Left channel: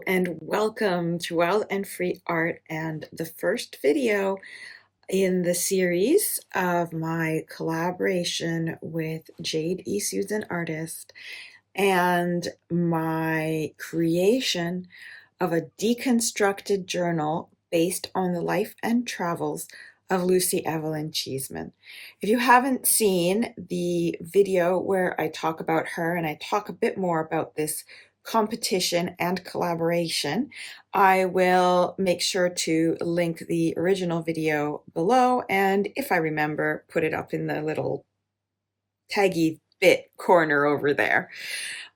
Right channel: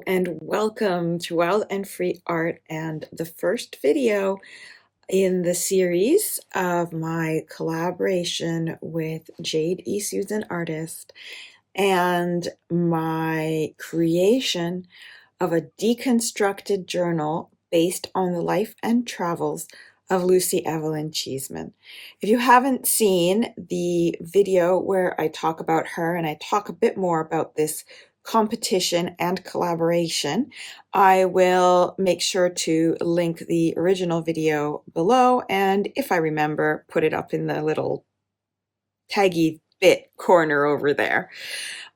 Hello and welcome to Wild and Free Art and the first video in the series of my collaboration with Jade E Susan Artist and my creation of a deconstructed journal based on the life and travels of Lucy Evelyn Cheeseman. If you haven't seen the video where I talk about her and I talk a bit more about this competition and collaboration, I will make sure to link the original video below, and if I remember, put it up in the little taggy bit corner over there.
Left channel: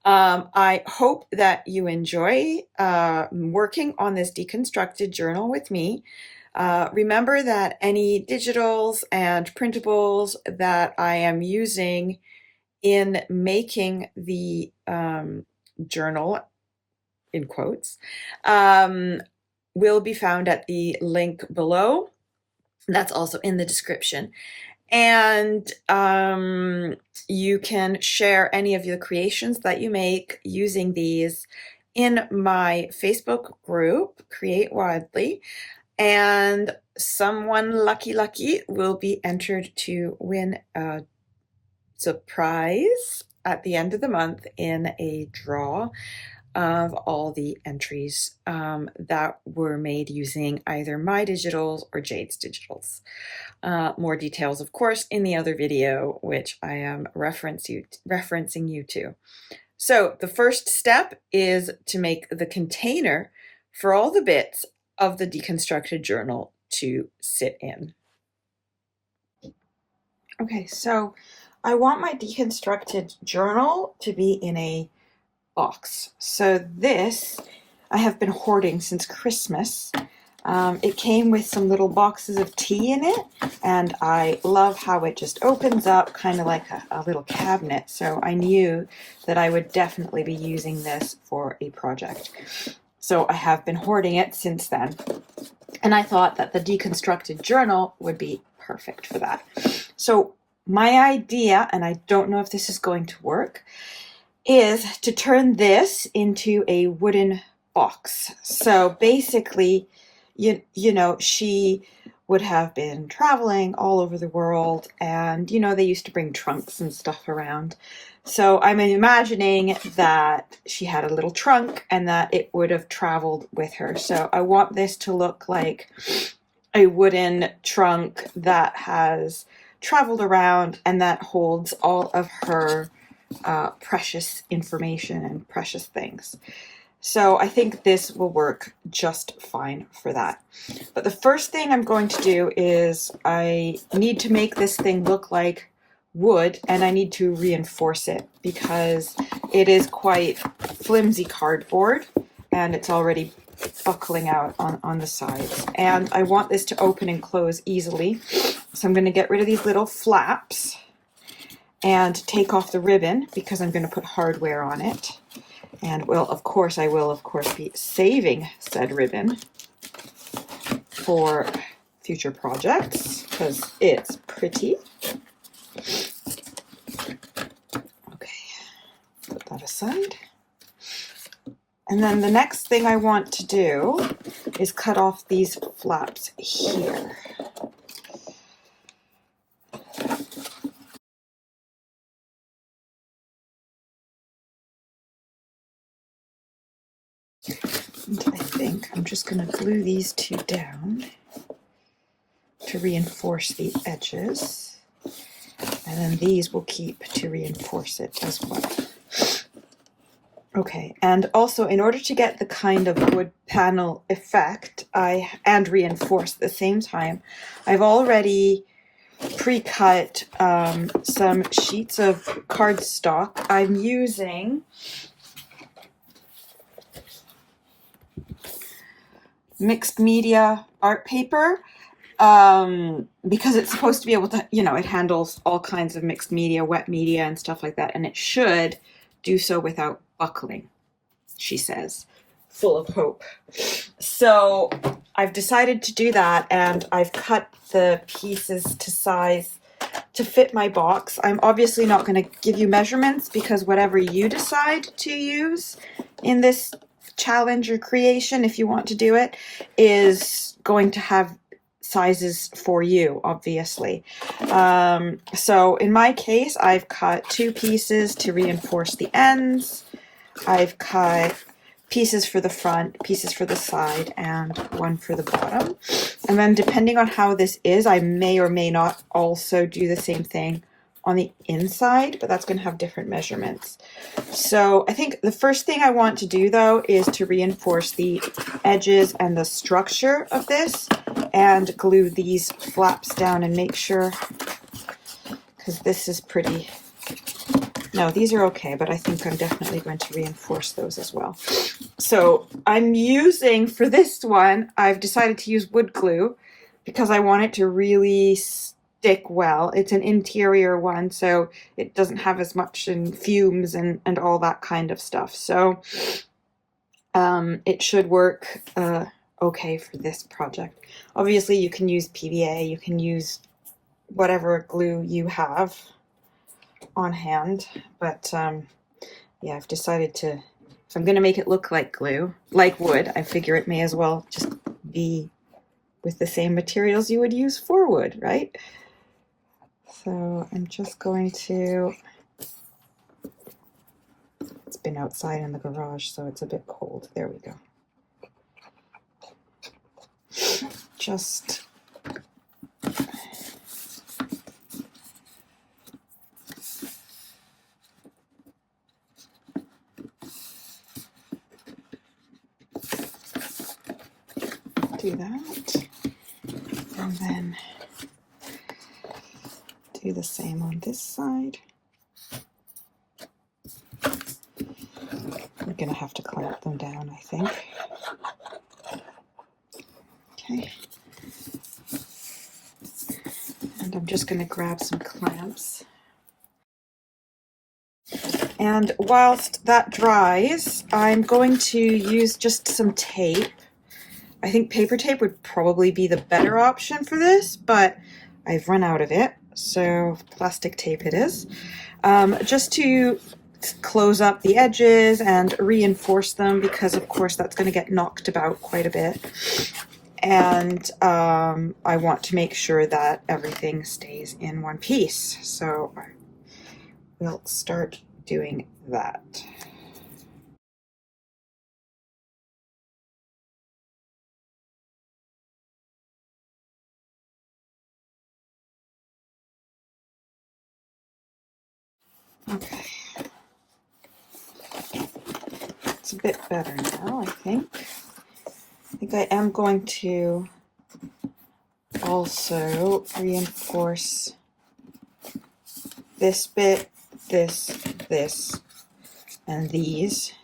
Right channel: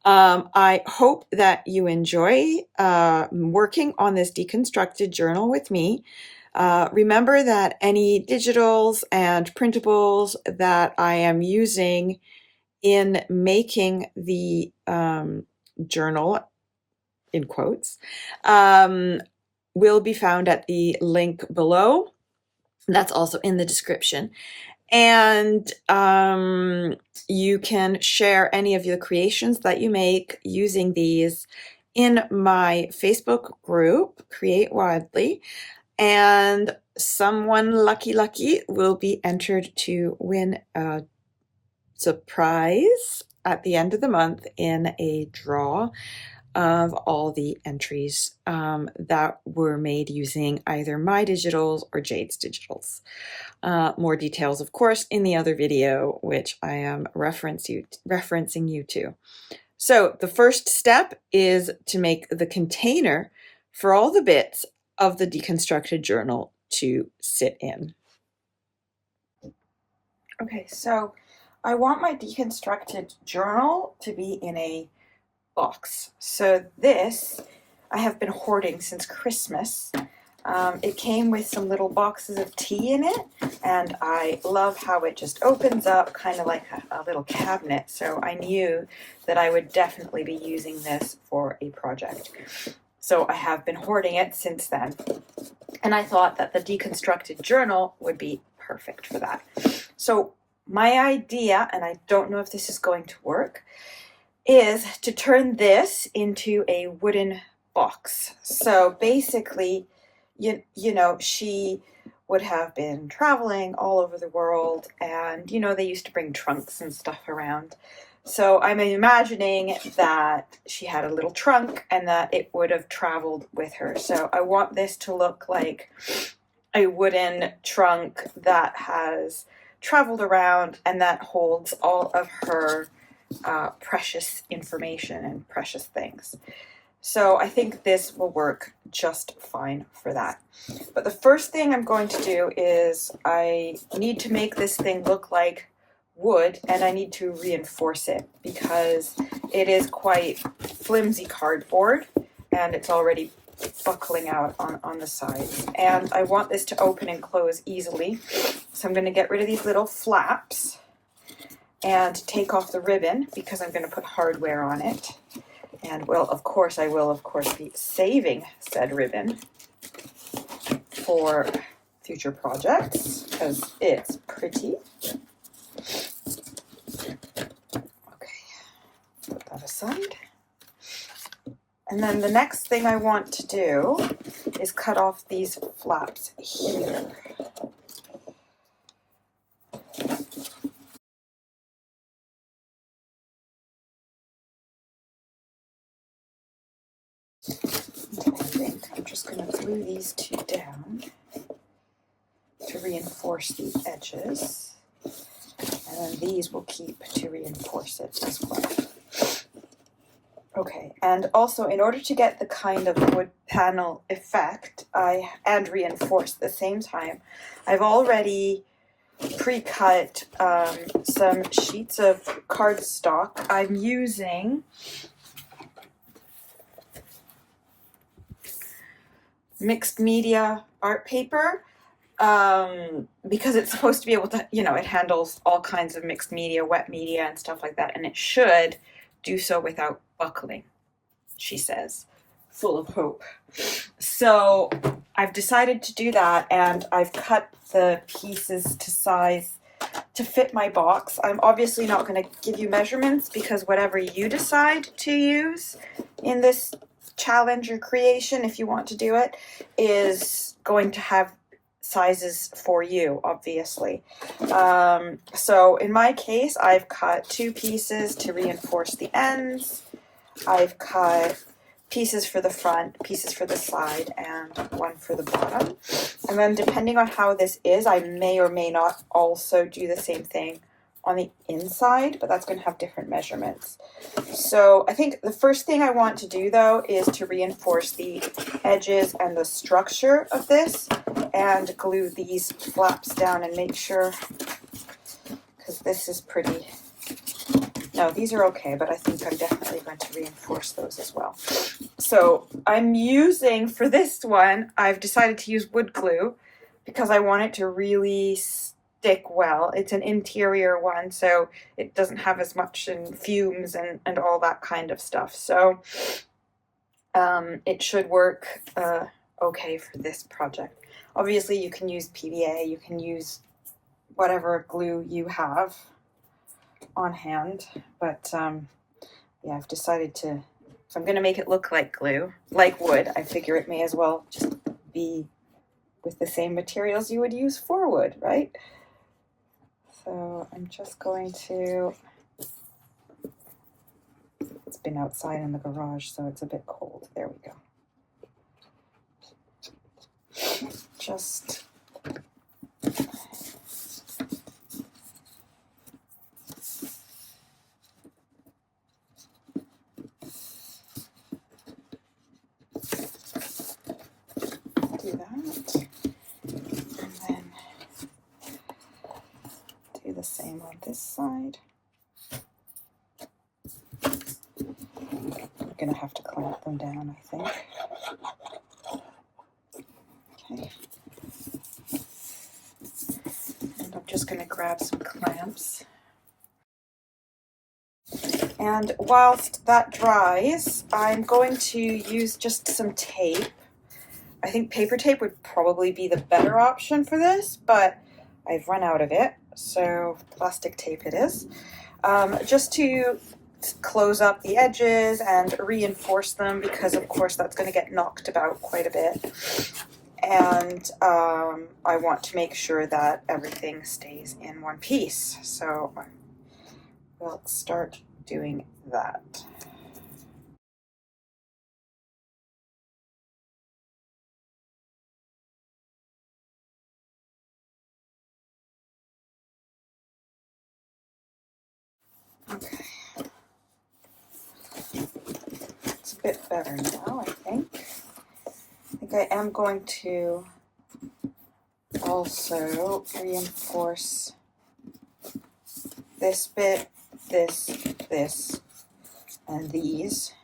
I hope that you enjoy working on this deconstructed journal with me. Remember that any digitals and printables that I am using in making the journal, in quotes, will be found at the link below. That's also in the description. And you can share any of your creations that you make using these in my Facebook group, Create Wildly, and someone lucky will be entered to win a surprise at the end of the month in a draw of all the entries that were made using either my digitals or Jade's digitals. More details, of course, in the other video, which I am referencing you to. So the first step is to make the container for all the bits of the deconstructed journal to sit in. Okay, so I want my deconstructed journal to be in a box. So this I have been hoarding since Christmas. It came with some little boxes of tea in it, and I love how it just opens up kind of like a little cabinet. So I knew that I would definitely be using this for a project. So I have been hoarding it since then. And I thought that the deconstructed journal would be perfect for that. So my idea, and I don't know if this is going to work, is to turn this into a wooden box. So basically, you know, she would have been traveling all over the world, and they used to bring trunks and stuff around. So I'm imagining that she had a little trunk and that it would have traveled with her. So I want this to look like a wooden trunk that has traveled around and that holds all of her precious information and precious things. So I think this will work just fine for that. But the first thing I'm going to do is I need to make this thing look like wood, and I need to reinforce it because it is quite flimsy cardboard and it's already buckling out on the sides. And I want this to open and close easily. So I'm going to get rid of these little flaps and take off the ribbon because I'm going to put hardware on it. And well, of course, I will, be saving said ribbon for future projects because it's pretty. Okay, put that aside. And then the next thing I want to do is cut off these flaps here. I think I'm just going to glue these two down to reinforce the edges, and then these will keep to reinforce it as well. Okay, and also in order to get the kind of wood panel effect and reinforce at the same time, I've already pre-cut some sheets of cardstock. I'm using mixed media art paper because it's supposed to be able to, it handles all kinds of mixed media, wet media and stuff like that, and it should do so without buckling, she says, full of hope. So I've decided to do that, and I've cut the pieces to size to fit my box. I'm obviously not going to give you measurements because whatever you decide to use in this challenge or creation, if you want to do it, is going to have sizes for you, obviously. So in my case, I've cut 2 pieces to reinforce the ends. I've cut pieces for the front, pieces for the side, and 1 for the bottom. And then depending on how this is, I may or may not also do the same thing on the inside, but that's going to have different measurements. So I think the first thing I want to do, though, is to reinforce the edges and the structure of this and glue these flaps down and make sure, because this is pretty, no, these are okay, but I think I'm definitely going to reinforce those as well. So I'm using, for this one, I've decided to use wood glue because I want it to really stick well. It's an interior one, so it doesn't have as much in fumes and all that kind of stuff. So it should work okay for this project. Obviously, you can use PVA, you can use whatever glue you have on hand, but yeah, I've decided to, if I'm going to make it look like glue, like wood, I figure it may as well just be with the same materials you would use for wood, right? So I'm just going to, it's been outside in the garage, so it's a bit cold. There we go. Just do that, and then do the same on this side. I'm gonna have to clamp them down, I think. Okay. And I'm just gonna grab some clamps. And whilst that dries, I'm going to use just some tape. I think paper tape would probably be the better option for this, but I've run out of it, so plastic tape it is. Just to close up the edges and reinforce them, because of course that's going to get knocked about quite a bit. And I want to make sure that everything stays in one piece. So we'll start doing that. Okay. It's a bit better now, I think. I think I am going to also reinforce this bit, this, and these,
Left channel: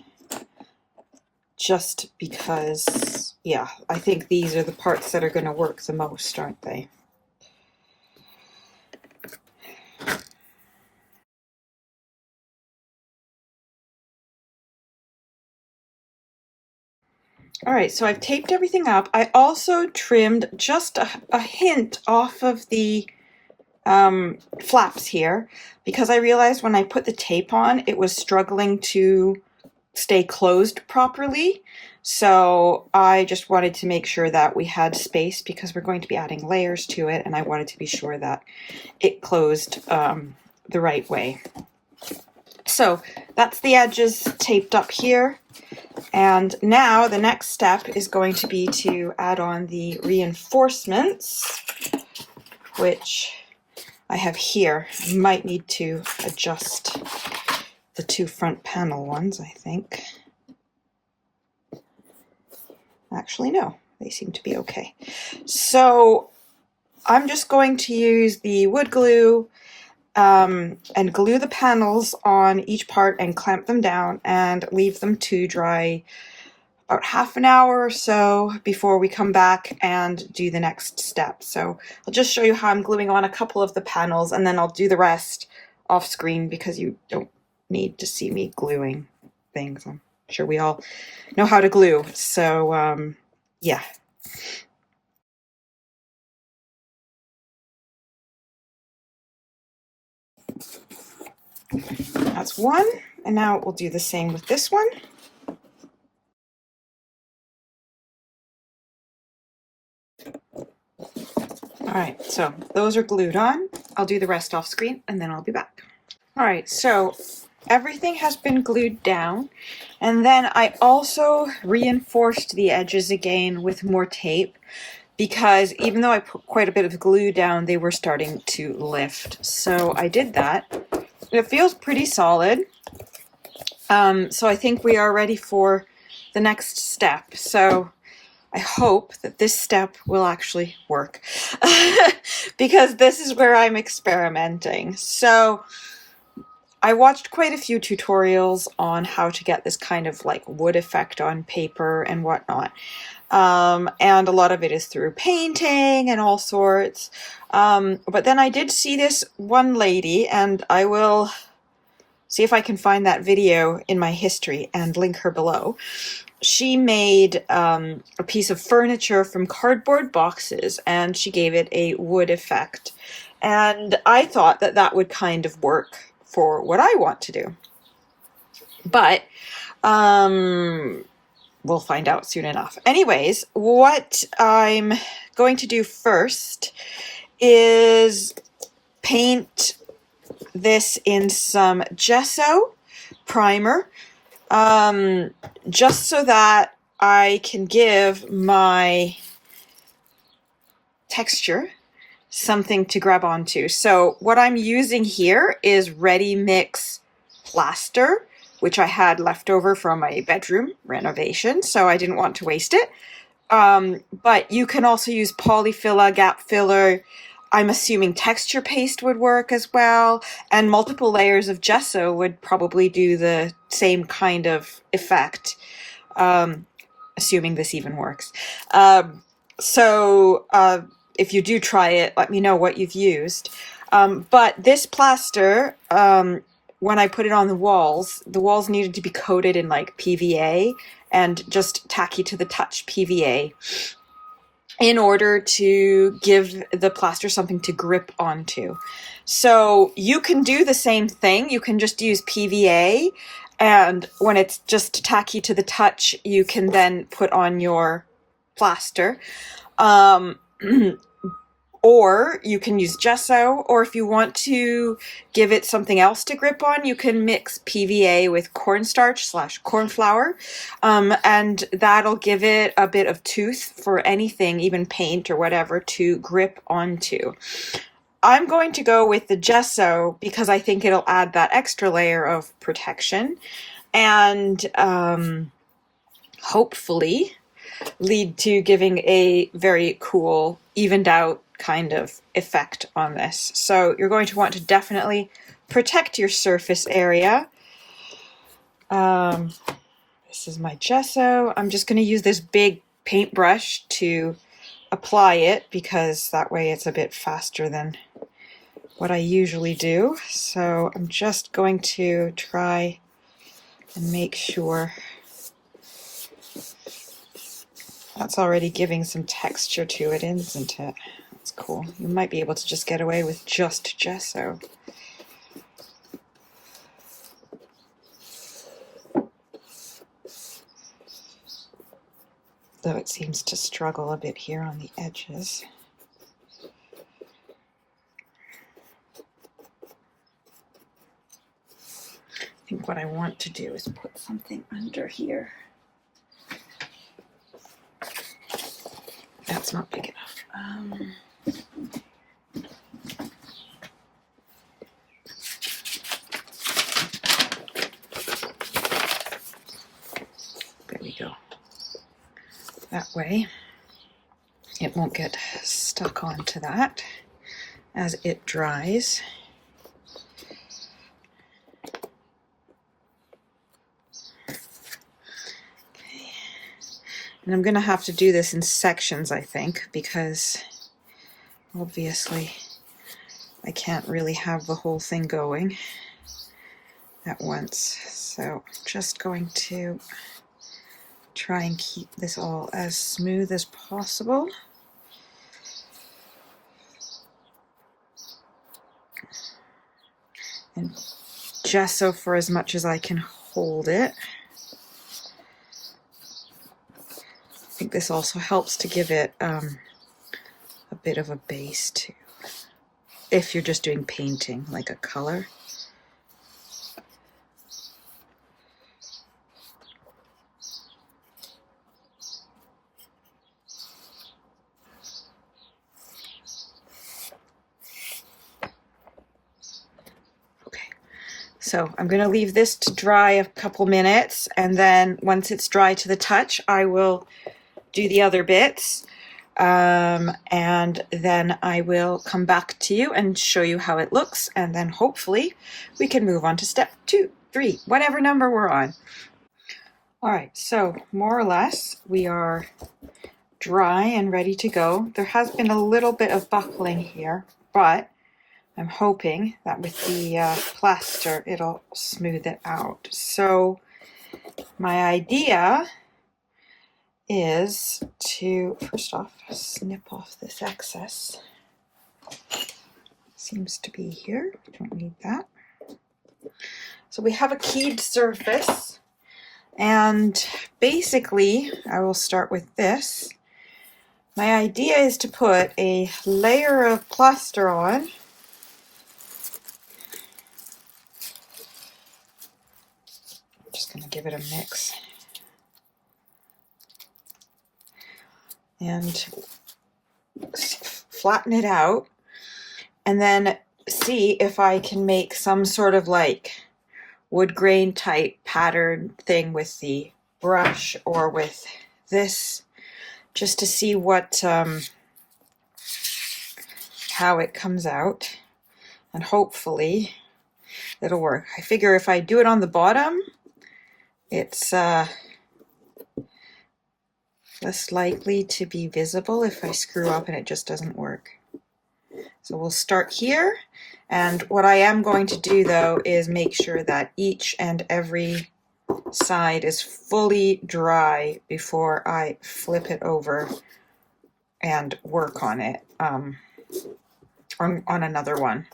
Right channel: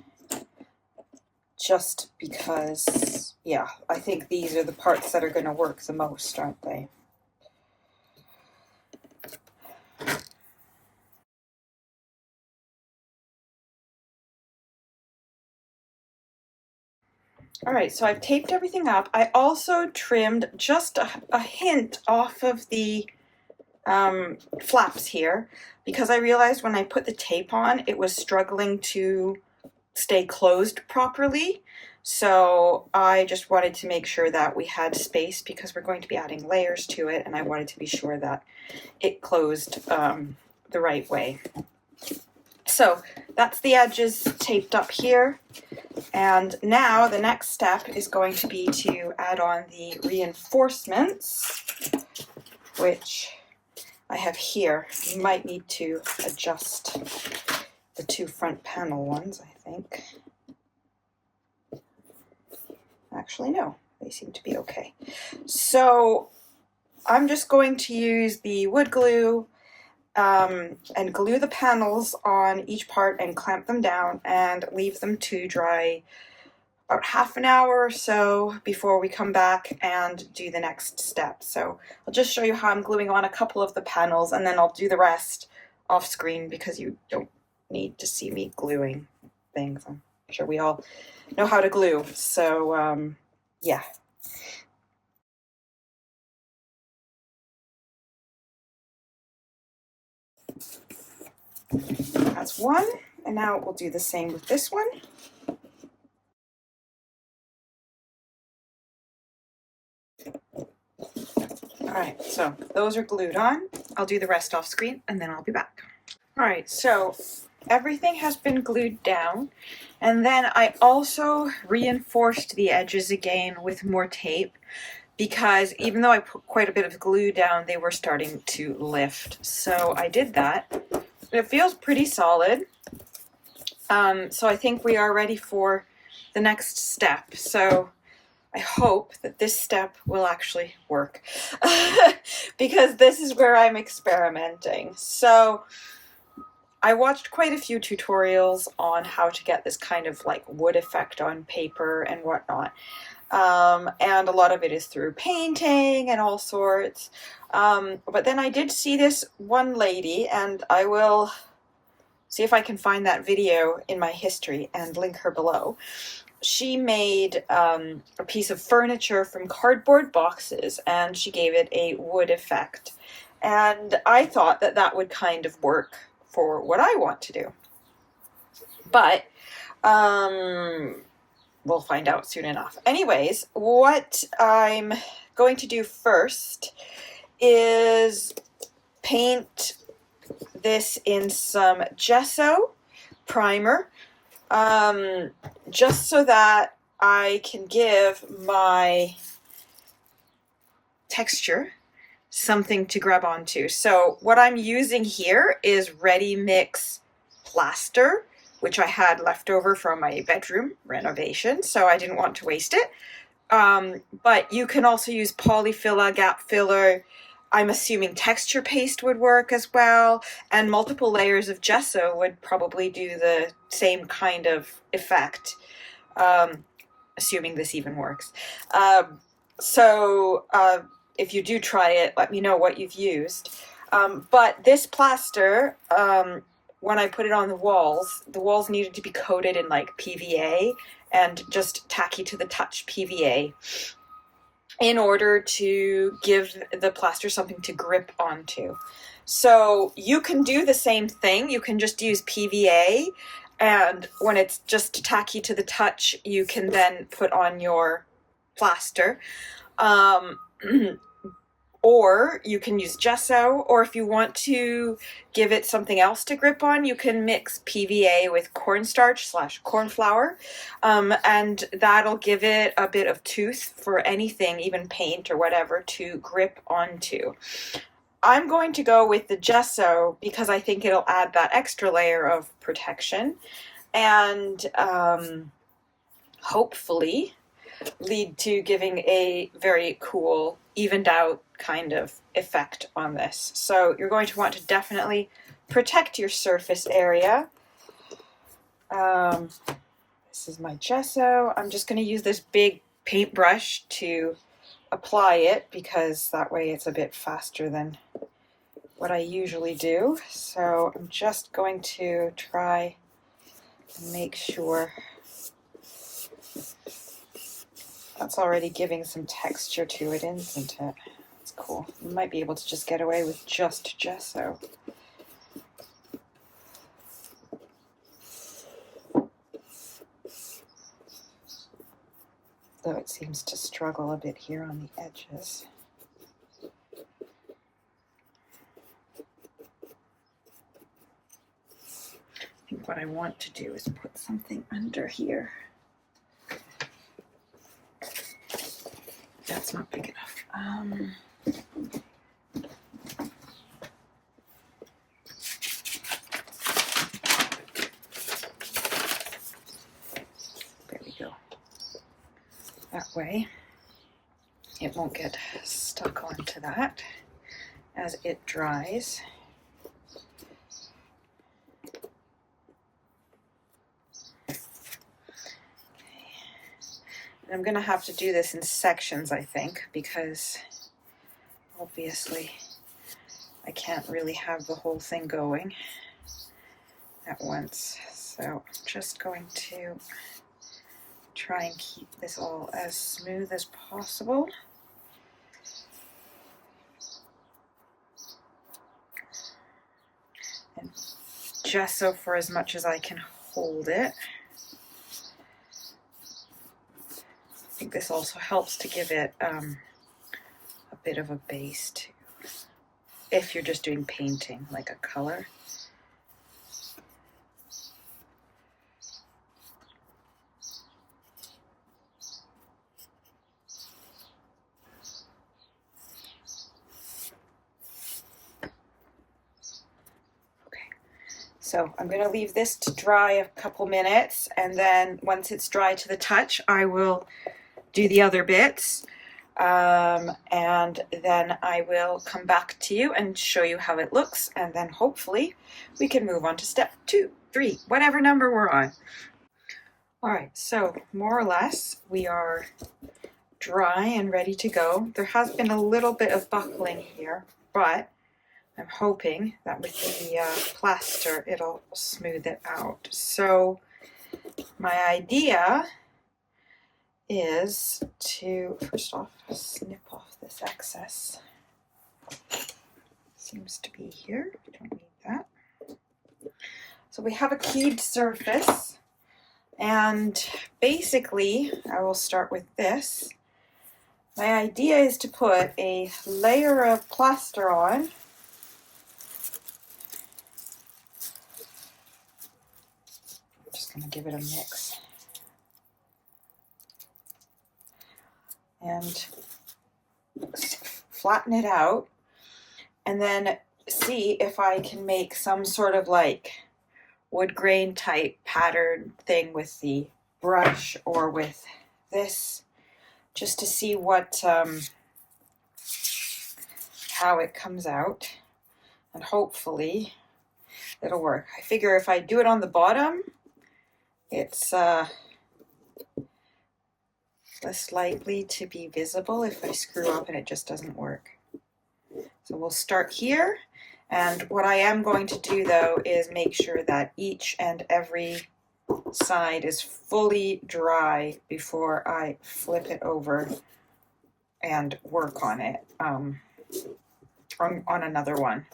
just because, yeah, I think these are the parts that are going to work the most, aren't they? All right, so I've taped everything up. I also trimmed just a hint off of the flaps here, because I realized when I put the tape on, it was struggling to stay closed properly. So I just wanted to make sure that we had space, because we're going to be adding layers to it, and I wanted to be sure that it closed the right way. So that's the edges taped up here. And now the next step is going to be to add on the reinforcements, which I have here. I might need to adjust the 2 front panel ones, I think. Actually, no, they seem to be okay. So I'm just going to use the wood glue and glue the panels on each part and clamp them down and leave them to dry about half an hour or so before we come back and do the next step. So I'll just show you how I'm gluing on a couple of the panels, and then I'll do the rest off screen because you don't need to see me gluing things. I'm sure we all know how to glue. So yeah. That's one, and now we'll do the same with this one. All right, so those are glued on. I'll do the rest off screen and then I'll be back. All right, so everything has been glued down, and then I also reinforced the edges again with more tape because even though I put quite a bit of glue down, they were starting to lift. So I did that. It feels pretty solid. So I think we are ready for the next step. So I hope that this step will actually work because this is where I'm experimenting. So I watched quite a few tutorials on how to get this kind of like wood effect on paper and whatnot. And a lot of it is through painting and all sorts. But then I did see this one lady, and I will see if I can find that video in my history and link her below. She made a piece of furniture from cardboard boxes, and she gave it a wood effect. And I thought that that would kind of work for what I want to do. But we'll find out soon enough. Anyways, what I'm going to do first is paint this in some gesso primer, just so that I can give my texture something to grab onto. So what I'm using here is ready mix plaster, which I had left over from my bedroom renovation, so I didn't want to waste it. But you can also use polyfiller, gap filler. I'm assuming texture paste would work as well, and multiple layers of gesso would probably do the same kind of effect, assuming this even works. If you do try it, let me know what you've used. But this plaster, when I put it on the walls needed to be coated in like PVA and just tacky to the touch PVA in order to give the plaster something to grip onto. So you can do the same thing. You can just use PVA, and when it's just tacky to the touch, you can then put on your plaster. Or you can use gesso, or if you want to give it something else to grip on, you can mix PVA with cornstarch / corn flour, and that'll give it a bit of tooth for anything, even paint or whatever, to grip onto. I'm going to go with the gesso because I think it'll add that extra layer of protection and hopefully lead to giving a very cool, evened out kind of effect on this. So you're going to want to definitely protect your surface area. This is my gesso. I'm just going to use this big paintbrush to apply it because that way it's a bit faster than what I usually do. So I'm just going to try and make sure that's already giving some texture to it, isn't it? That's cool. You might be able to just get away with just gesso. Though it seems to struggle a bit here on the edges. I think what I want to do is put something under here. That's not big enough. There we go. That way it won't get stuck onto that as it dries. And I'm going to have to do this in sections, I think, because obviously I can't really have the whole thing going at once. So I'm just going to try and keep this all as smooth as possible. And gesso for as much as I can hold it. I think this also helps to give it a bit of a base too, if you're just doing painting, like a color. So I'm going to leave this to dry a couple minutes, and then once it's dry to the touch, I will do the other bits, and then I will come back to you and show you how it looks, and then hopefully we can move on to step 2, 3, whatever number we're on. All right, so more or less we are dry and ready to go. There has been a little bit of buckling here, but I'm hoping that with the plaster it'll smooth it out. So my idea is to first off snip off this excess. Seems to be here, don't need that. So we have a keyed surface, and basically I will start with this. My idea is to put a layer of plaster on. Going to give it a mix and flatten it out, and then see if I can make some sort of like wood grain type pattern thing with the brush or with this, just to see what how it comes out, and hopefully it'll work. I figure if I do it on the bottom, it's less likely to be visible if I screw up and it just doesn't work. So we'll start here, and what I am going to do though is make sure that each and every side is fully dry before I flip it over and work on it on another one.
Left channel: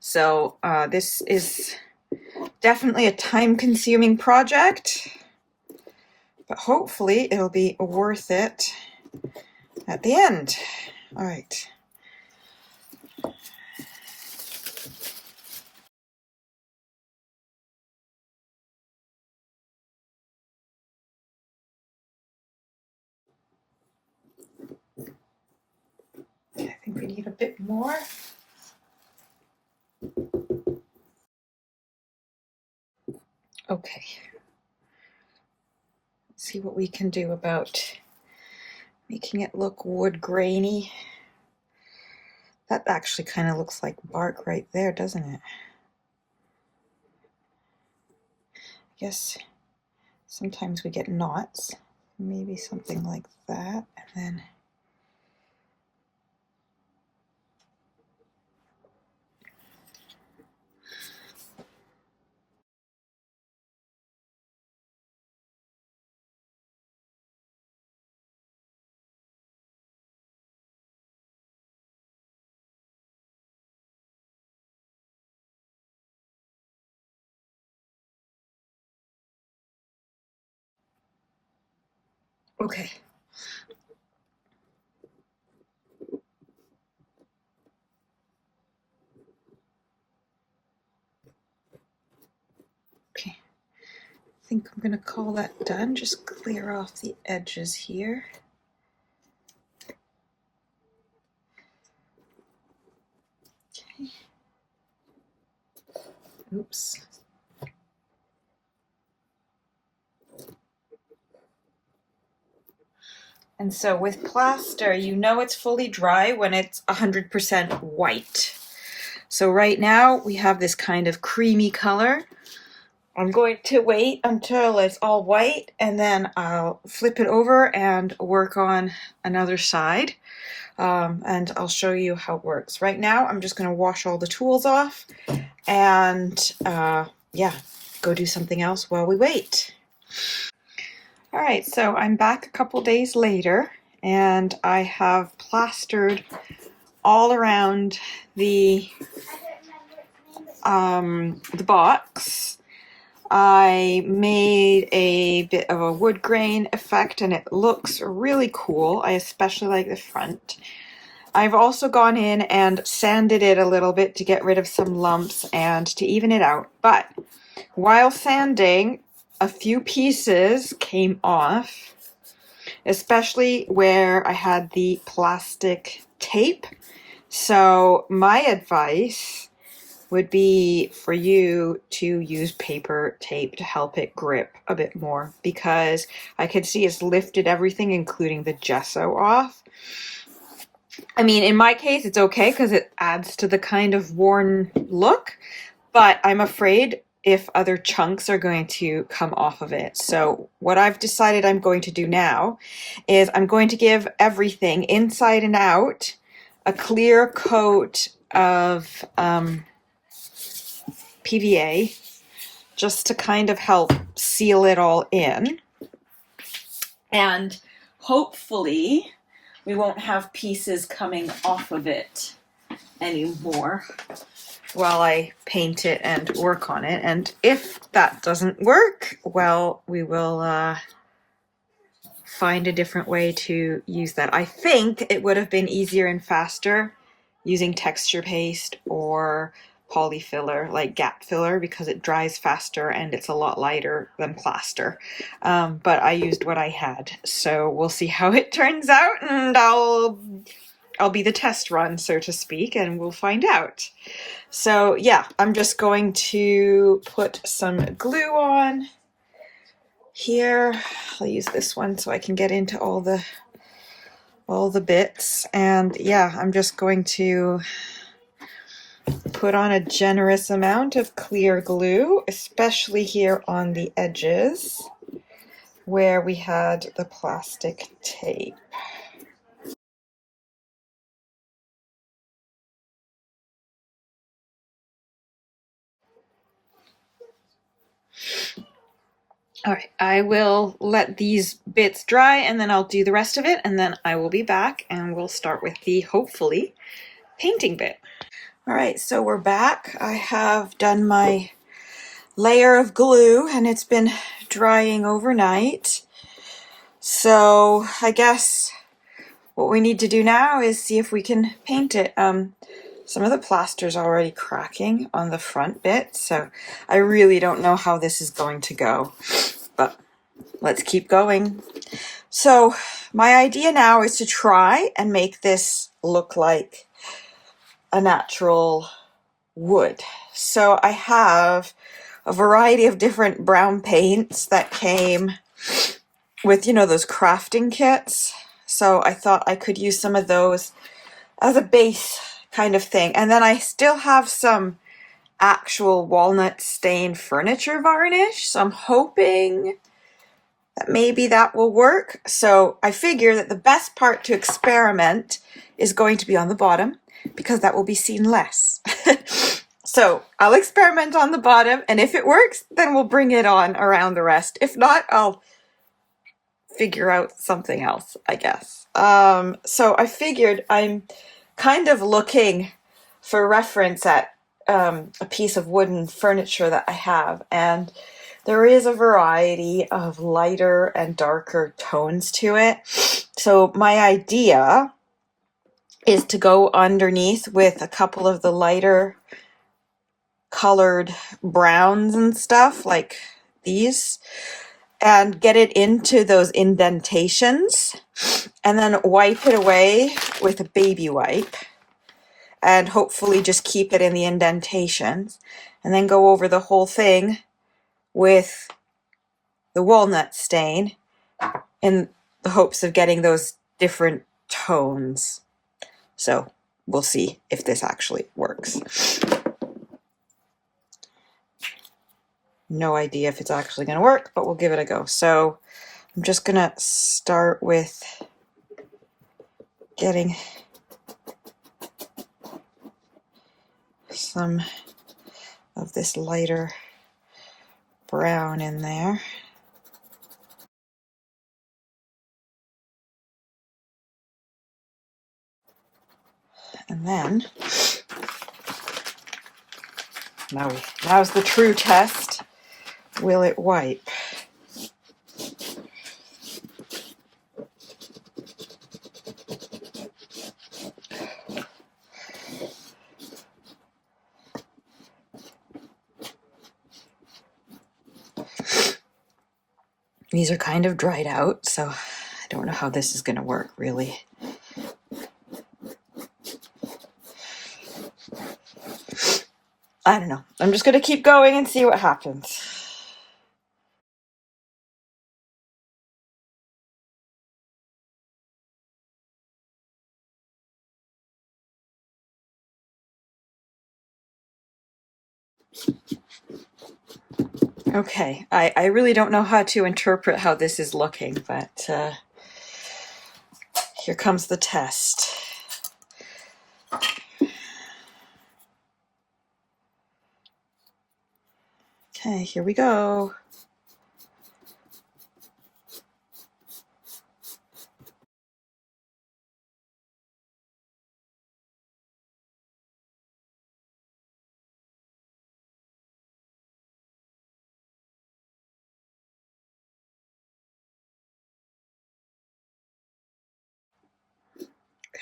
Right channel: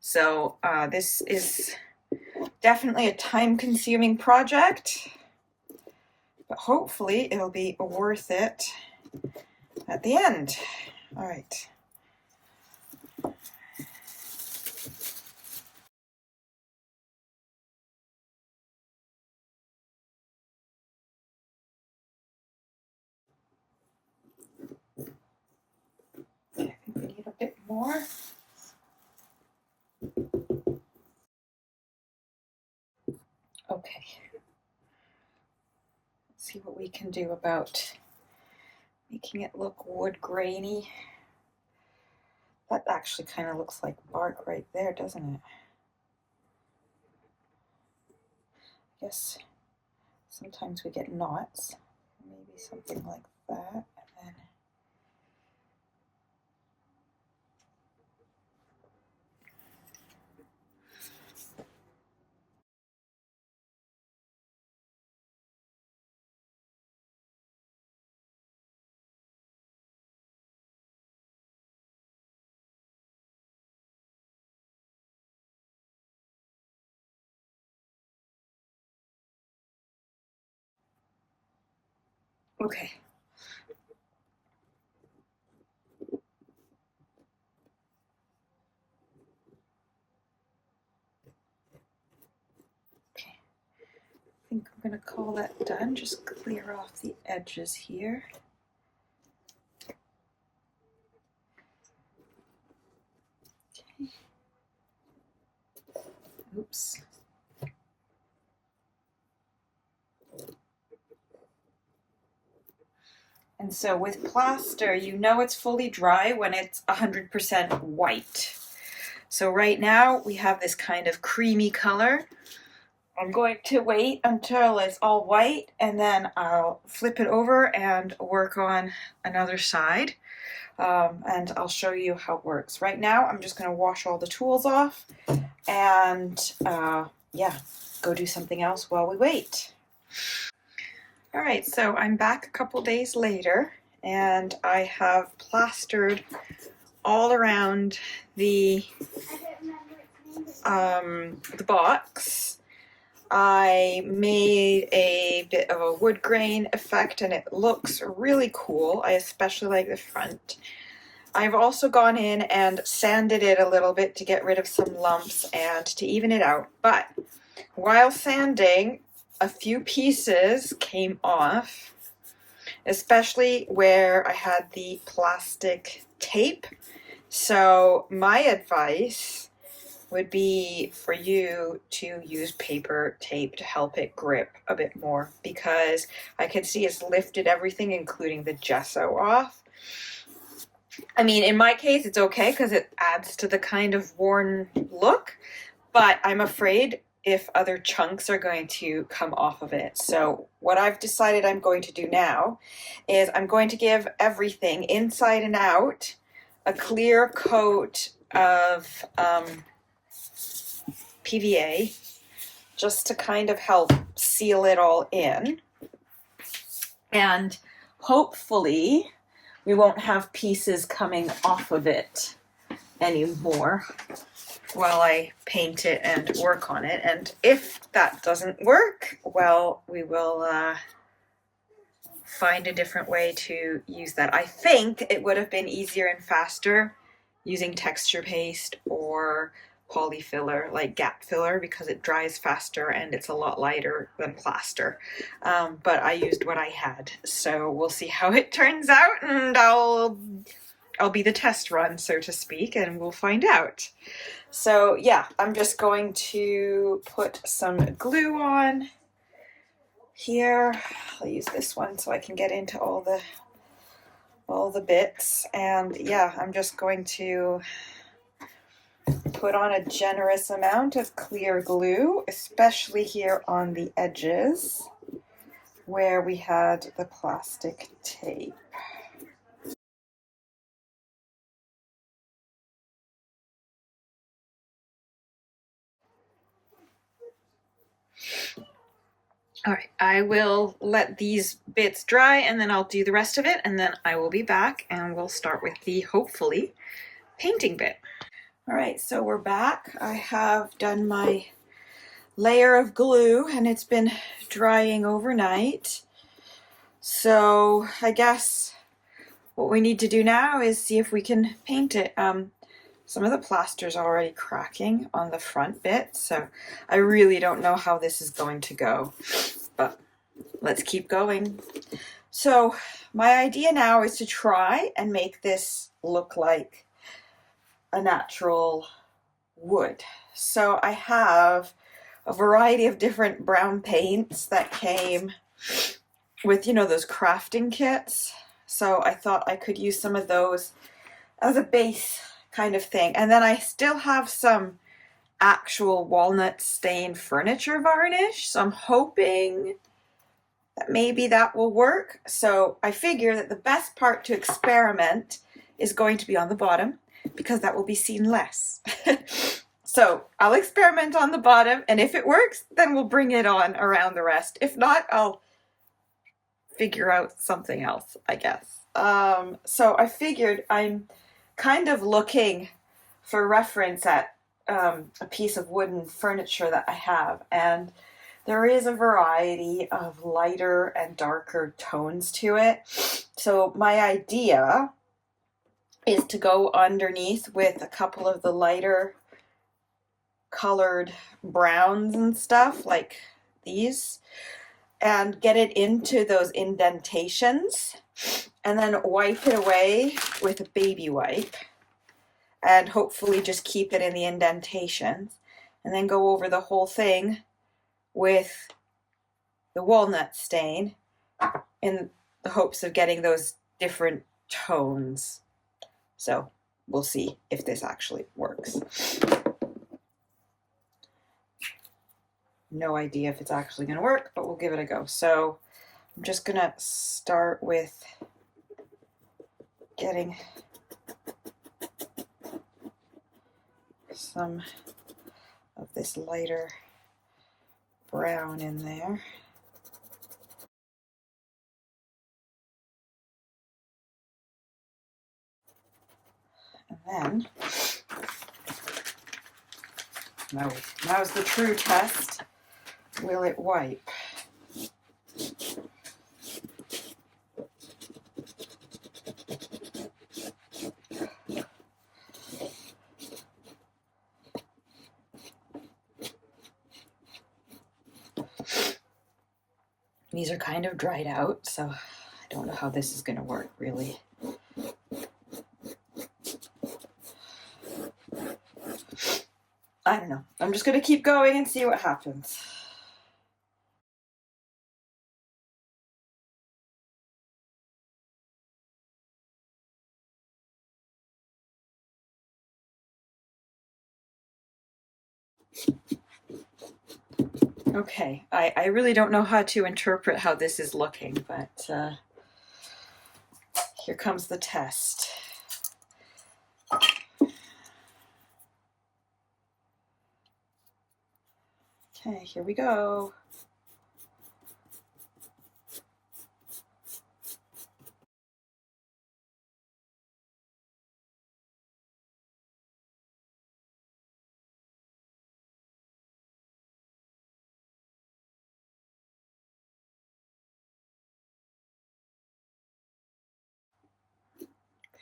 So this is definitely a time-consuming project, but hopefully it'll be worth it at the end. All right. I think we need a bit more. Okay. Let's see what we can do about making it look wood grainy. That actually kind of looks like bark right there, doesn't it? I guess sometimes we get knots. Maybe something like that, and then okay. Okay. I think I'm going to call that done. Just clear off the edges here. Okay. Oops. And so with plaster, you know it's fully dry when it's 100% white. So right now we have this kind of creamy color. I'm going to wait until it's all white, and then I'll flip it over and work on another side. And I'll show you how it works. Right now I'm just going to wash all the tools off and yeah, go do something else while we wait. All right, so I'm back a couple days later, and I have plastered all around the box. I made a bit of a wood grain effect, and it looks really cool. I especially like the front. I've also gone in and sanded it a little bit to get rid of some lumps and to even it out. But while sanding, a few pieces came off, especially where I had the plastic tape. So my advice would be for you to use paper tape to help it grip a bit more, because I can see it's lifted everything, including the gesso, off. I mean, in my case, it's okay because it adds to the kind of worn look, but I'm afraid if other chunks are going to come off of it. So what I've decided I'm going to do now is I'm going to give everything inside and out a clear coat of PVA, just to kind of help seal it all in. And hopefully we won't have pieces coming off of it anymore while I paint it and work on it. And if that doesn't work, well, we will find a different way to use that. I think it would have been easier and faster using texture paste or polyfiller, like gap filler, because it dries faster and it's a lot lighter than plaster. But I used what I had, so we'll see how it turns out, and I'll be the test run, so to speak, and we'll find out. So yeah, I'm just going to put some glue on here. I'll use this one so I can get into all the bits, and yeah, I'm just going to put on a generous amount of clear glue, especially here on the edges where we had the plastic tape. All right, I will let these bits dry and then I'll do the rest of it, and then I will be back and we'll start with the, hopefully, painting bit. All right, so we're back. I have done my layer of glue and it's been drying overnight. So I guess what we need to do now is see if we can paint it. Some of the plaster's already cracking on the front bit, so I really don't know how this is going to go, but let's keep going. So my idea now is to try and make this look like a natural wood. So I have a variety of different brown paints that came with, you know, those crafting kits. So I thought I could use some of those as a base kind of thing. And then I still have some actual walnut stained furniture varnish, so I'm hoping that maybe that will work. So I figure that the best part to experiment is going to be on the bottom, because that will be seen less. So I'll experiment on the bottom, and if it works, then we'll bring it on around the rest. If not, I'll figure out something else, I guess. So I figured I'm kind of looking for reference at a piece of wooden furniture that I have, and there is a variety of lighter and darker tones to it. So my idea is to go underneath with a couple of the lighter colored browns and stuff like these, and get it into those indentations, and then wipe it away with a baby wipe, and hopefully just keep it in the indentations, and then go over the whole thing with the walnut stain in the hopes of getting those different tones. So we'll see if this actually works. No idea if it's actually going to work, but we'll give it a go. So I'm just going to start with getting some of this lighter brown in there. And then now's the true test. Will it wipe? These are kind of dried out, so I don't know how this is going to work really. I don't know. I'm just going to keep going and see what happens. Okay, I really don't know how to interpret how this is looking, but here comes the test. Okay, here we go.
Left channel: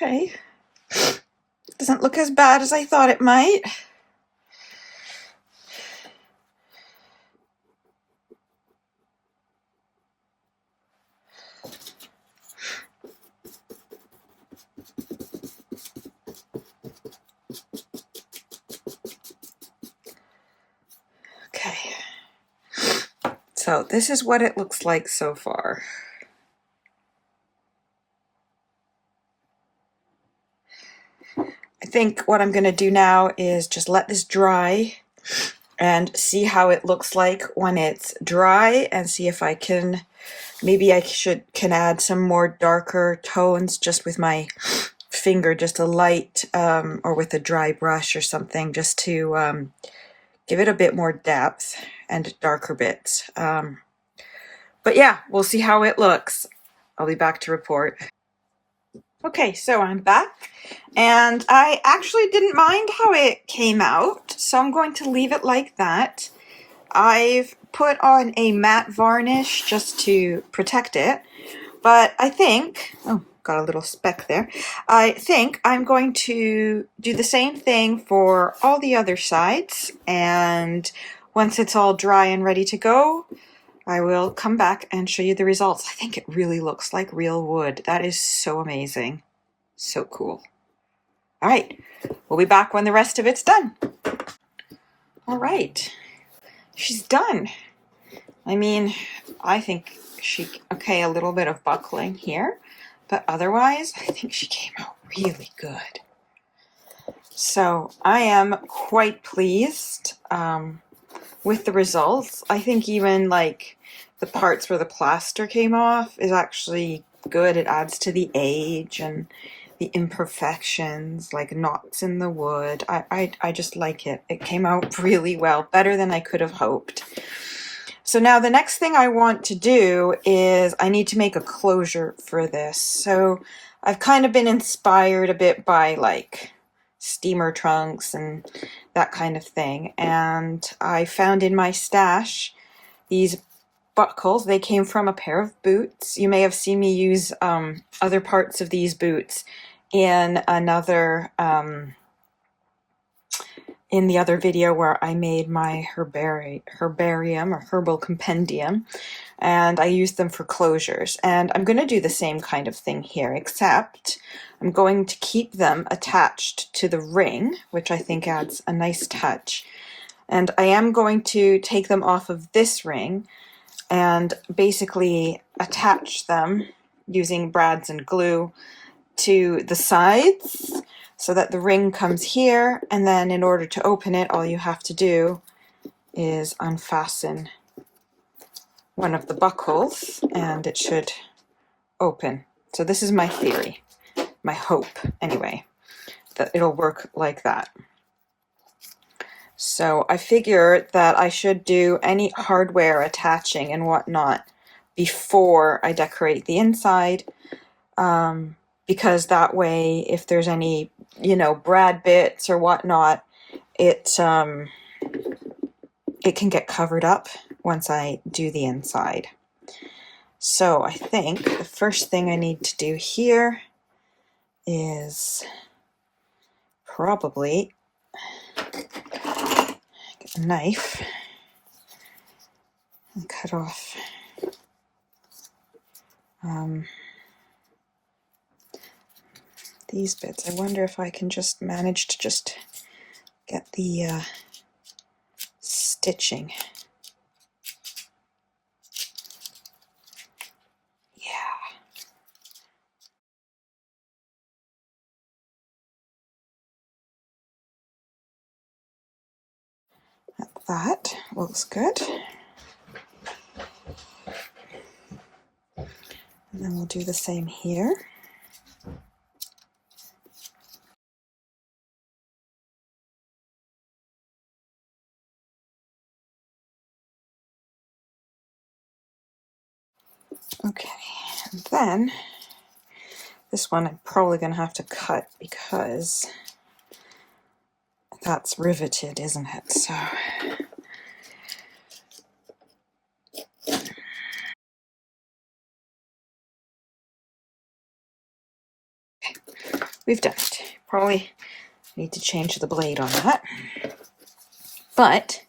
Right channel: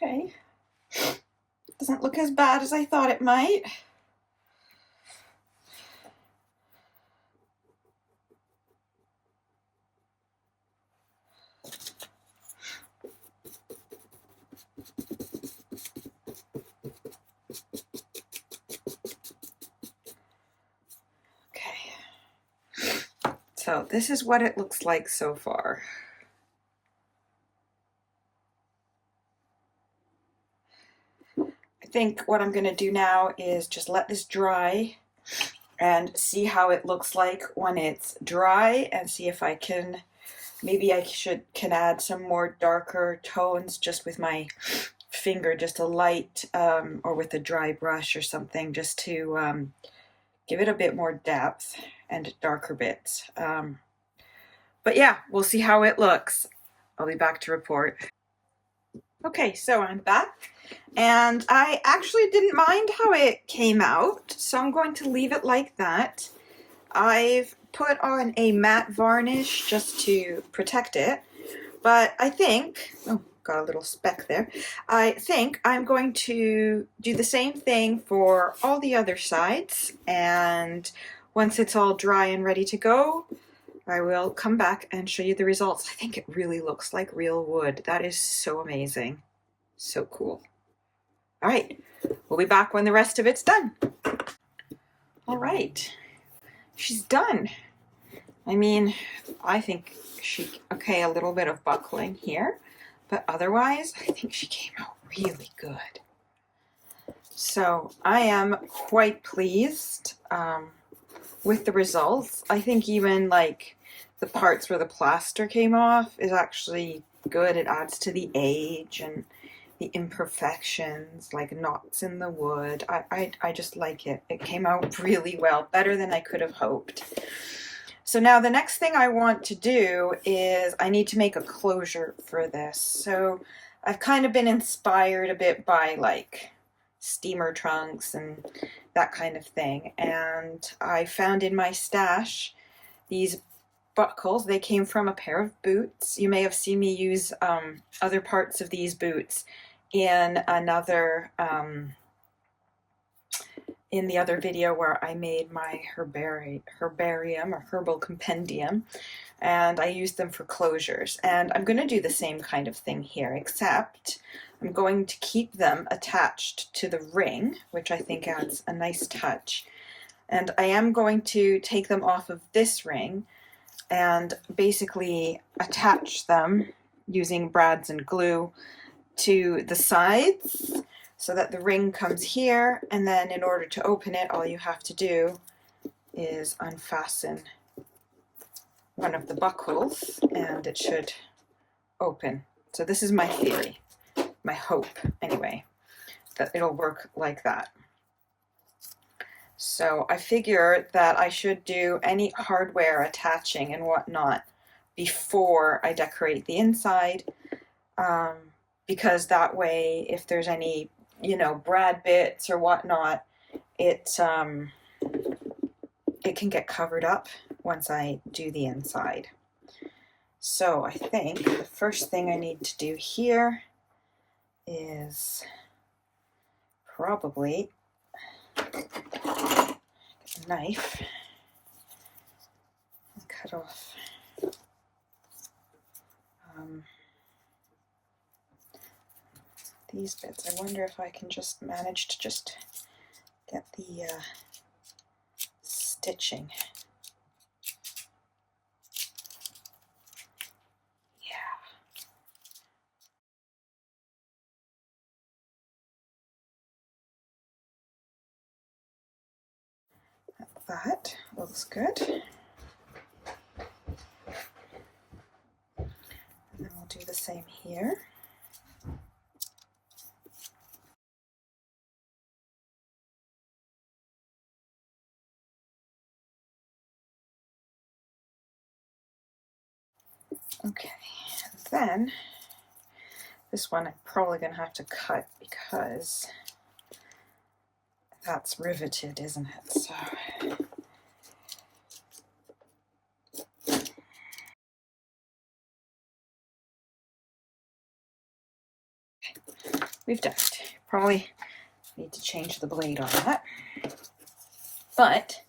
Okay, doesn't look as bad as I thought it might. Okay, so this is what it looks like so far. I think what I'm going to do now is just let this dry and see how it looks like when it's dry, and see if I can, maybe I can add some more darker tones just with my finger, just a light, or with a dry brush or something, just to give it a bit more depth and darker bits. But yeah, we'll see how it looks. I'll be back to report. Okay, so I'm back, and I actually didn't mind how it came out, so I'm going to leave it like that. I've put on a matte varnish just to protect it, but I think, oh, got a little speck there. I think I'm going to do the same thing for all the other sides, and once it's all dry and ready to go, I will come back and show you the results. I think it really looks like real wood. That is so amazing. So cool. All right, we'll be back when the rest of it's done. All right, she's done. I mean, I think okay, a little bit of buckling here, but otherwise, I think she came out really good. So I am quite pleased with the results. I think even like the parts where the plaster came off is actually good. It adds to the age and the imperfections, like knots in the wood. I just like it. It came out really well, better than I could have hoped. So now the next thing I want to do is I need to make a closure for this. So I've kind of been inspired a bit by like steamer trunks and that kind of thing. And I found in my stash these buckles. They came from a pair of boots. You may have seen me use other parts of these boots in another in the other video where I made my herbarium or herbal compendium, and I used them for closures. And I'm going to do the same kind of thing here, except I'm going to keep them attached to the ring, which I think adds a nice touch. And I am going to take them off of this ring and basically attach them using brads and glue to the sides so that the ring comes here, and then in order to open it, all you have to do is unfasten one of the buckles and it should open. So this is my theory, my hope anyway, that it'll work like that. So I figure that I should do any hardware attaching and whatnot before I decorate the inside, because that way if there's any, you know, brad bits or whatnot, it can get covered up once I do the inside. So I think the first thing I need to do here is probably get a knife and cut off These bits, I wonder if I can just manage to just get the stitching. Yeah. That looks good. And then we'll do the same here. Okay, and then this one I'm probably going to have to cut because that's riveted, isn't it? So we've done it. Probably need to change the blade on that. But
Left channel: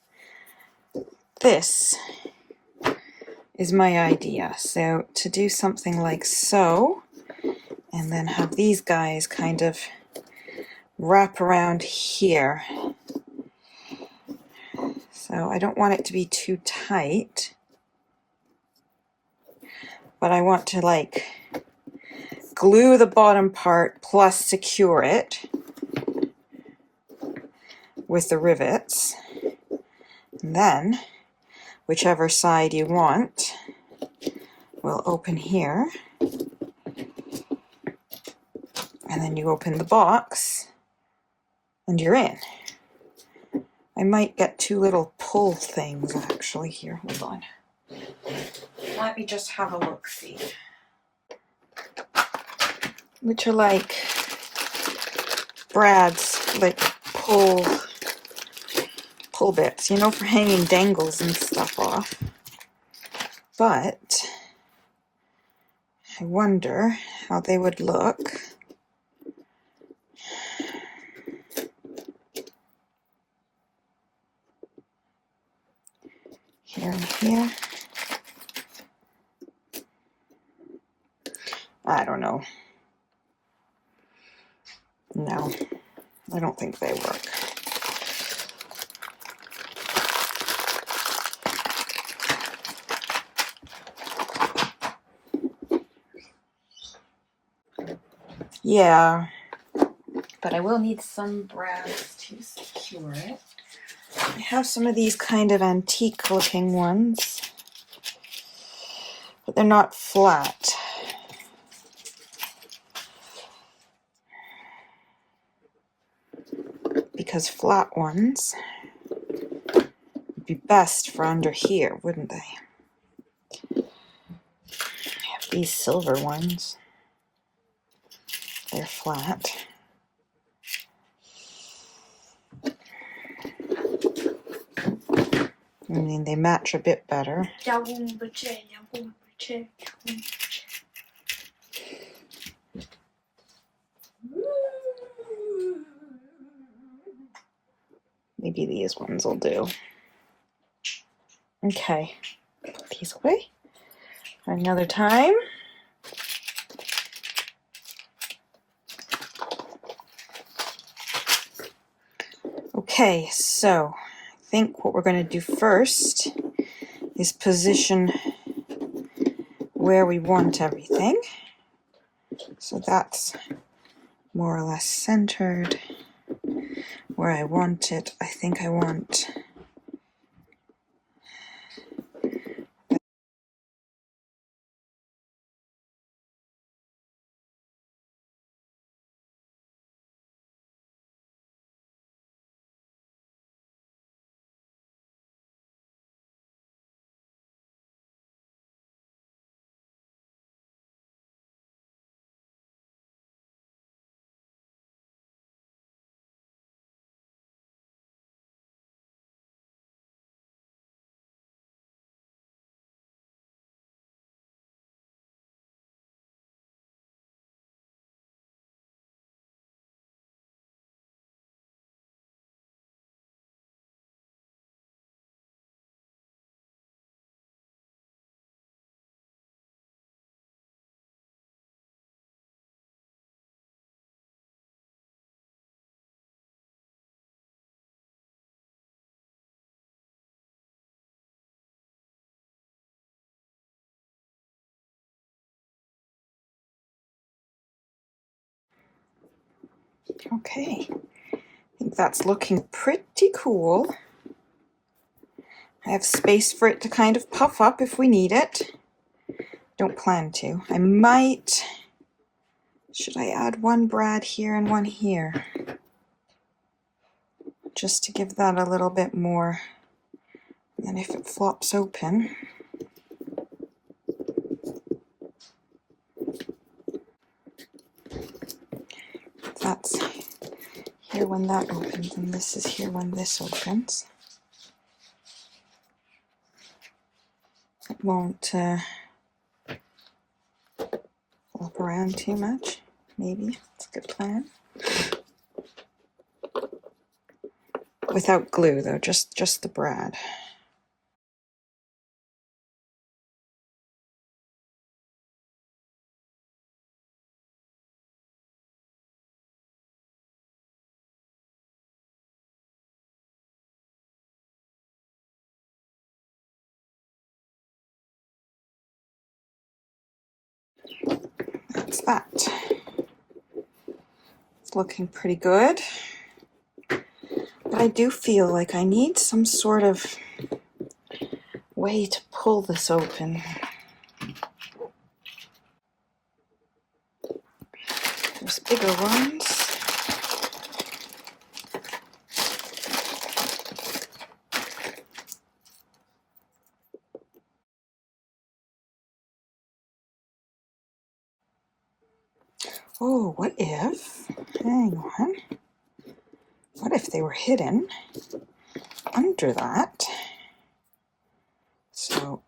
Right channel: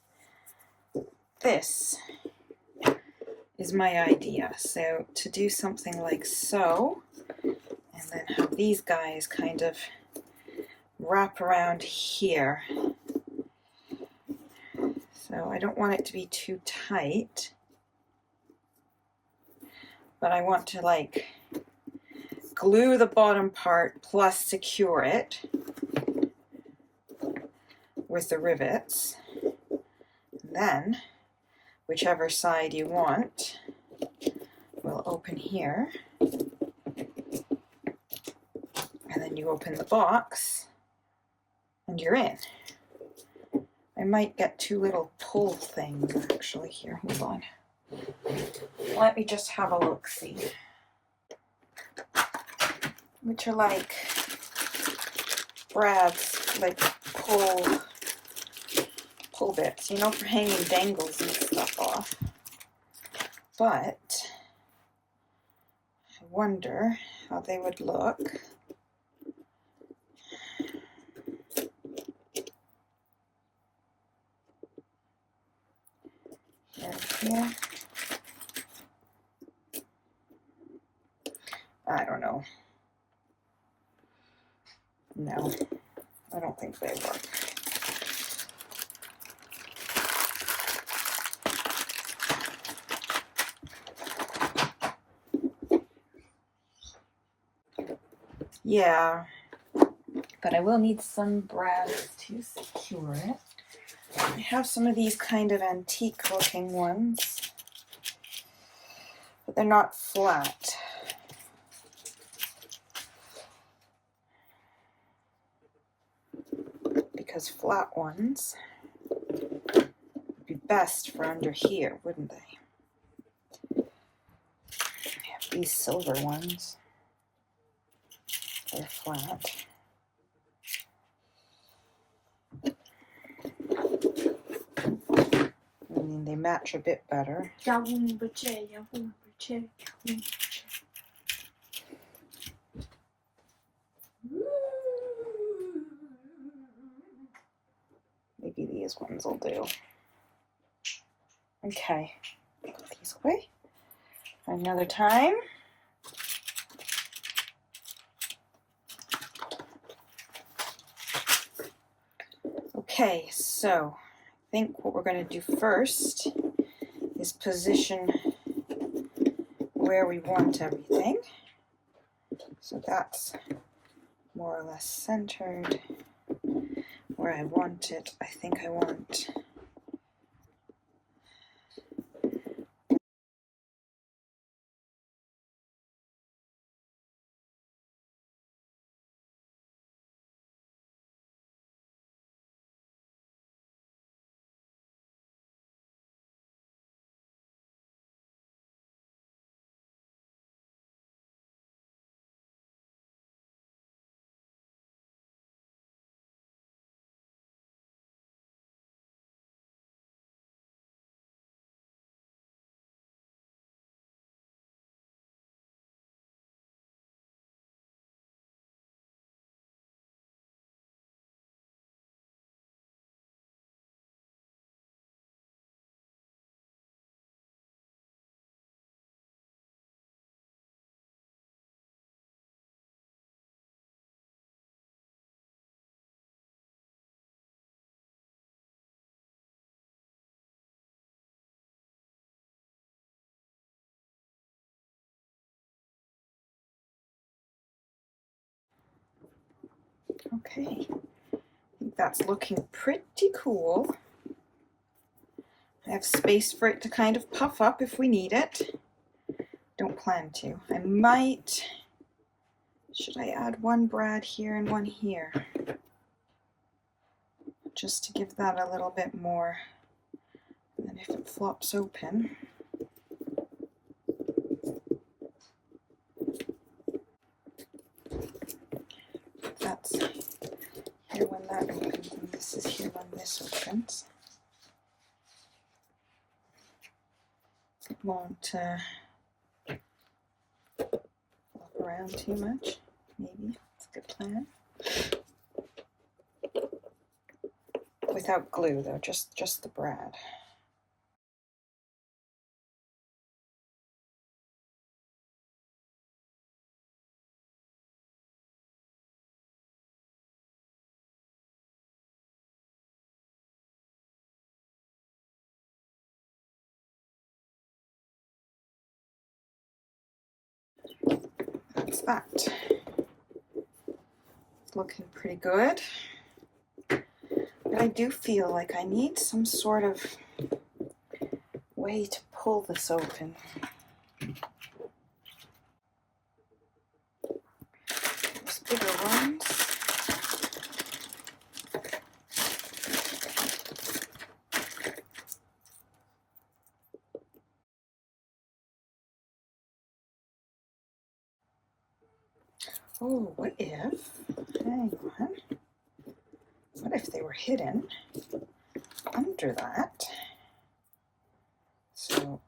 this is my idea. So to do something like so, and then have these guys kind of wrap around here. So I don't want it to be too tight, but I want to like glue the bottom part plus secure it with the rivets. And then whichever side you want will open here. And then you open the box and you're in. I might get two little pull things actually here. Hold on. Let me just have a look see. Which are like Brad's like pull bits, you know, for hanging dangles and stuff off. But I wonder how they would look. Here and here. I don't know. No, I don't think they work. Yeah, but I will need some brads to secure it. I have some of these kind of antique looking ones, but they're not flat. Because flat ones would be best for under here, wouldn't they? I have these silver ones. They're flat. I mean, they match a bit better. Maybe these ones will do. Okay, put these away for another time. Okay, so I think what we're going to do first is position where we want everything. So that's more or less centered where I want it. I think I want Okay, I think that's looking pretty cool. I have space for it to kind of puff up if we need it. Don't plan to. I might, should I add one brad here and one here? Just to give that a little bit more. And if it flops open, that's here when that opens, and this is here when this opens. It won't flop around too much. Maybe it's a good plan. Without glue though, just the brad. That's that. It's looking pretty good. But I do feel like I need some sort of way to pull this open. There's bigger ones. Oh, what if, hang on, what if they were hidden under that? So,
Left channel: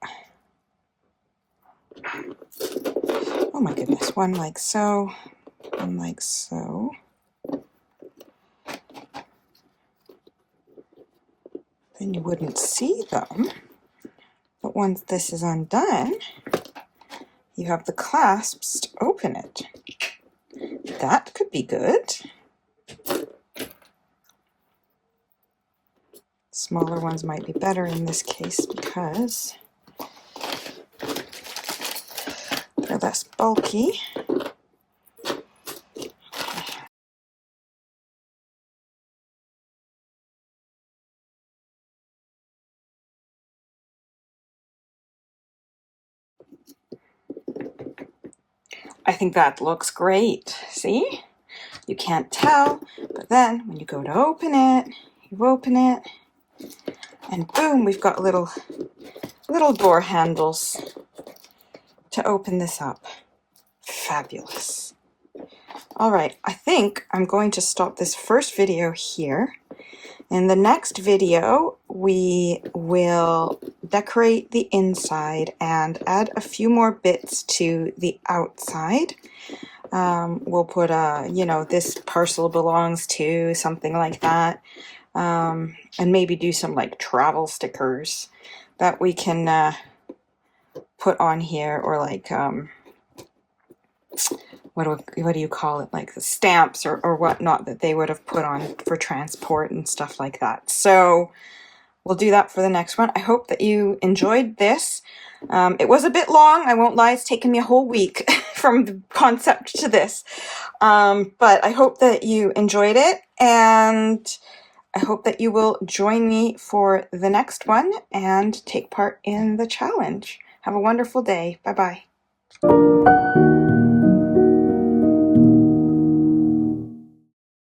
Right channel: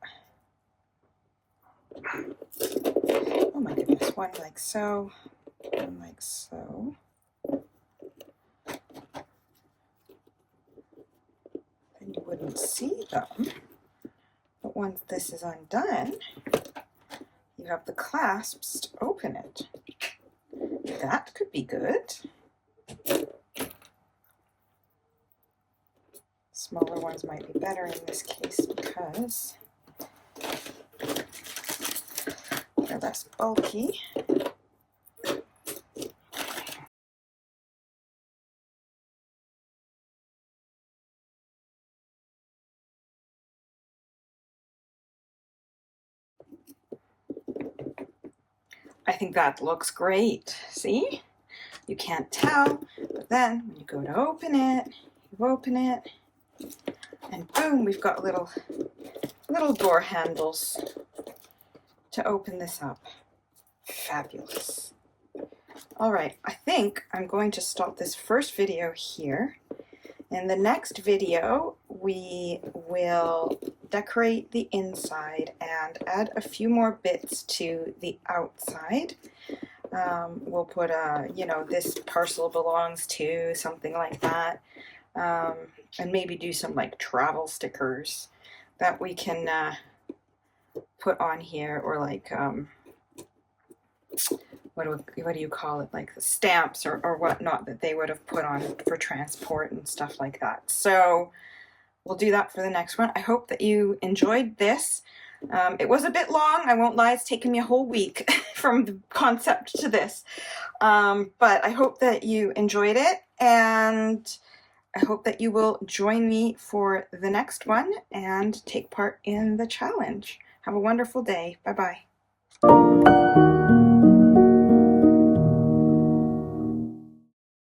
oh my goodness, one like so, one like so. Then you wouldn't see them, but once this is undone, you have the clasps to open it. That could be good. Smaller ones might be better in this case because they're less bulky. I think that looks great. See? You can't tell, but then when you go to open it, you open it, and boom, we've got little door handles to open this up. Fabulous. All right, I think I'm going to stop this first video here. In the next video, we will decorate the inside and add a few more bits to the outside. We'll put you know, this parcel belongs to, something like that. And maybe do some like travel stickers that we can put on here, or like what do you call it, like the stamps or whatnot that they would have put on for transport and stuff like that. So we'll do that for the next one. I hope that you enjoyed this. It was a bit long, I won't lie, it's taken me a whole week from the concept to this. But I hope that you enjoyed it, and I hope that you will join me for the next one and take part in the challenge. Have a wonderful day. Bye-bye.